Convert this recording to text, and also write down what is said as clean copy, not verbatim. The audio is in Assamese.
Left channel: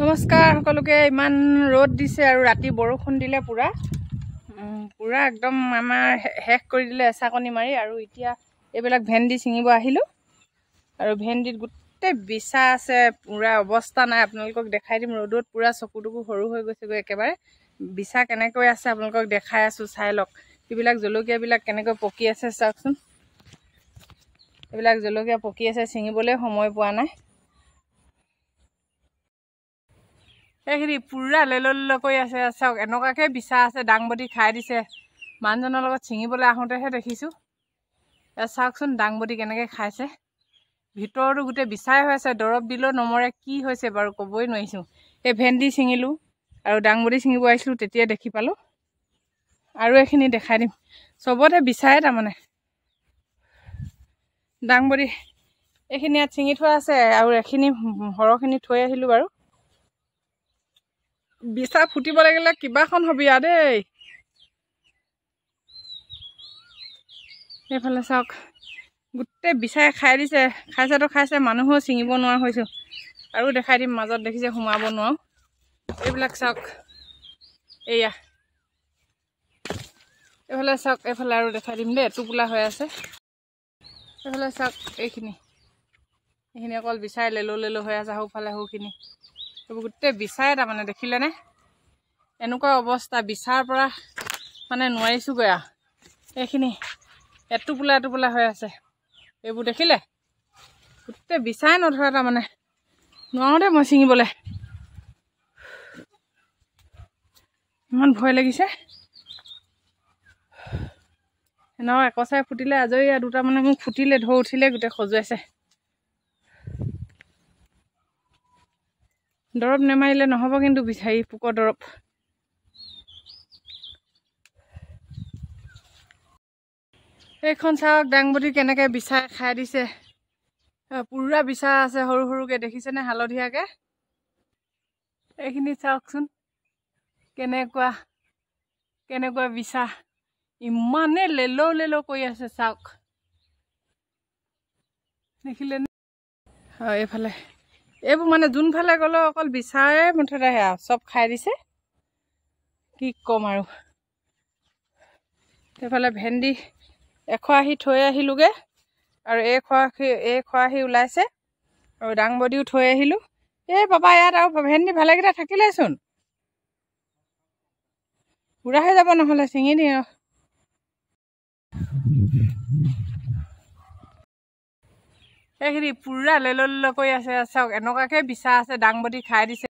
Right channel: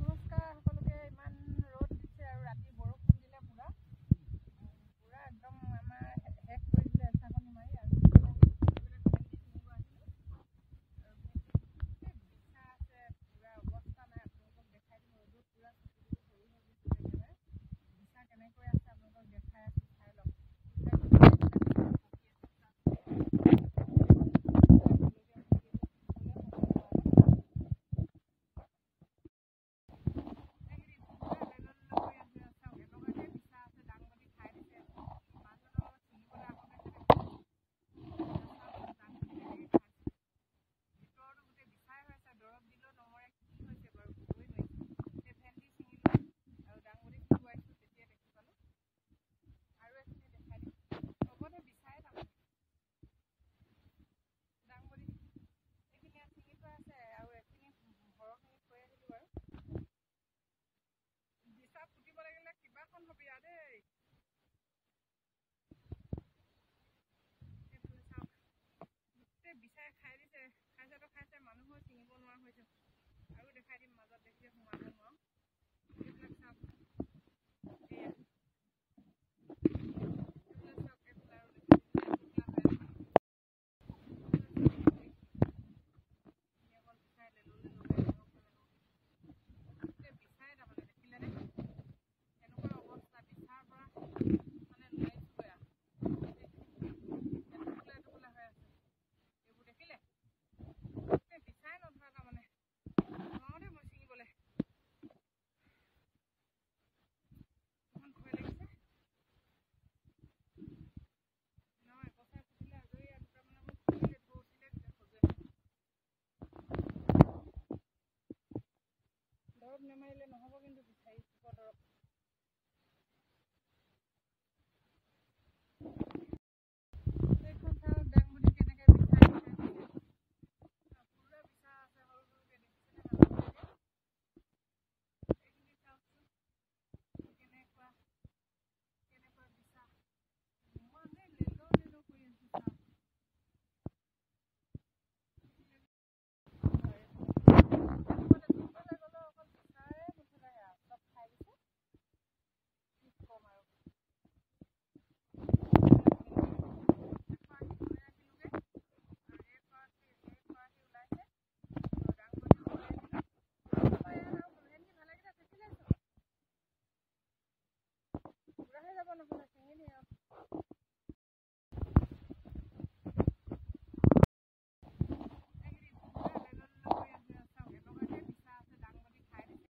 নমস্কাৰ সকলোকে। ইমান ৰ'দ দিছে আৰু ৰাতি বৰষুণ দিলে পুৰা একদম আমাৰ শেষ কৰি দিলে এচাকনি মাৰি। আৰু এতিয়া এইবিলাক ভেন্দি ছিঙিব আহিলোঁ আৰু ভেন্দিত গোটেই বিচা আছে, পুৰা অৱস্থা নাই। আপোনালোকক দেখাই দিম। ৰ'দত পুৰা চকুটুকু সৰু হৈ গৈছেগৈ একেবাৰে। বিচা কেনেকৈ আছে আপোনালোকক দেখাই আছোঁ, চাই লওক। এইবিলাক জলকীয়াবিলাক কেনেকৈ পকি আছে চাওকচোন। এইবিলাক জলকীয়া পকি আছে, ছিঙিবলৈ সময় পোৱা নাই। এইখিনি পুৰা লেল কৰি আছে চাওক। এনেকুৱাকৈ বিচা আছে, দাংবডি খাই দিছে। মানুহজনৰ লগত ছিঙিবলৈ আহোঁতেহে দেখিছোঁ। চাওকচোন দাংবডি কেনেকৈ খাইছে। ভিতৰতো গোটেই বিচাই হৈ আছে, দৰৱ দিলেও নমৰে। কি হৈছে বাৰু ক'বই নোৱাৰিছোঁ। এই ভেন্দি ছিঙিলোঁ আৰু দাংবডি ছিঙিব আহিছিলোঁ, তেতিয়া দেখি পালোঁ। আৰু এইখিনি দেখাই দিম। চবতে বিচাৰে তাৰমানে। দাংবডি এইখিনি ইয়াত ছিঙি থোৱা আছে আৰু এইখিনি সৰহখিনি থৈ আহিলোঁ বাৰু। বিচা ফুটিব লাগিলে কিবাখন হবি আৰু দেই। এইফালে চাওক, গোটেই বিচাই খাই দিছে। খাইছেতো খাইছে, মানুহেও ছিঙিব নোৱাৰা হৈছোঁ। আৰু দেখাই দিম, মাজত দেখিছে সোমাব নোৱাৰোঁ। এইবিলাক চাওক, এয়া এইফালে চাওক। এইফালে আৰু দেখাই দিম দেই, টোপোলা হৈ আছে। এইফালে চাওক, এইখিনি অকল বিচাই লেলো হৈ আছে। সৌফালে সৌখিনি এইবোৰ গোটেই বিচাৰে তাৰমানে, দেখিলেনে? এনেকুৱা অৱস্থা, বিচাৰ পৰা মানে নোৱাৰিছোঁগৈ আৰু। এইখিনি এটোপোলা হৈ আছে। এইবোৰ দেখিলে গোটেই বিচাই নধৰে তাৰমানে, নোৱাৰোঁ দেই মই ছিঙিবলৈ। ইমান ভয় লাগিছে। এনেও একচাই ফুটিলে আজৰি। আৰু দুটা মানে মোক ফুটিলে, ঢৌ উঠিলে, গোটেই খজুৱাইছে। দৰৱ নেমাৰিলে নহ'ব কিন্তু, বিচাৰি পোকৰ দৰৱ। এইখন চাওক, দাংবডি কেনেকৈ বিচাই খাই দিছে। পুৰা বিচা আছে, সৰু সৰুকৈ দেখিছেনে, হালধীয়াকৈ। এইখিনি চাওকচোন, কেনেকুৱা বিচা। ইমানে লেলো কৰি আছে চাওক, দেখিলেনে? হয়, এইফালে এইবোৰ মানে যোনফালে গ'লেও অকল বিচাৰে মুঠতে সেয়া চব খাই দিছে। কি ক'ম আৰু। এইফালে ভেন্দি এখৰাহি থৈ আহিলোঁগৈ আৰু এই খৰাহি ওলাইছে। আৰু দাংবডিও থৈ আহিলোঁ। এই পাপা, ইয়াত আৰু ভেন্দি ভালেকেইটা থাকিলেচোন, বুঢ়া হৈ যাব নহ'লে, ছিঙি দিওঁ। এইখিনি পুৰা লেলো কৰি আছে চাওক। এনেকুৱাকৈ বিচা আছে, দাংবডি খাই দিছে।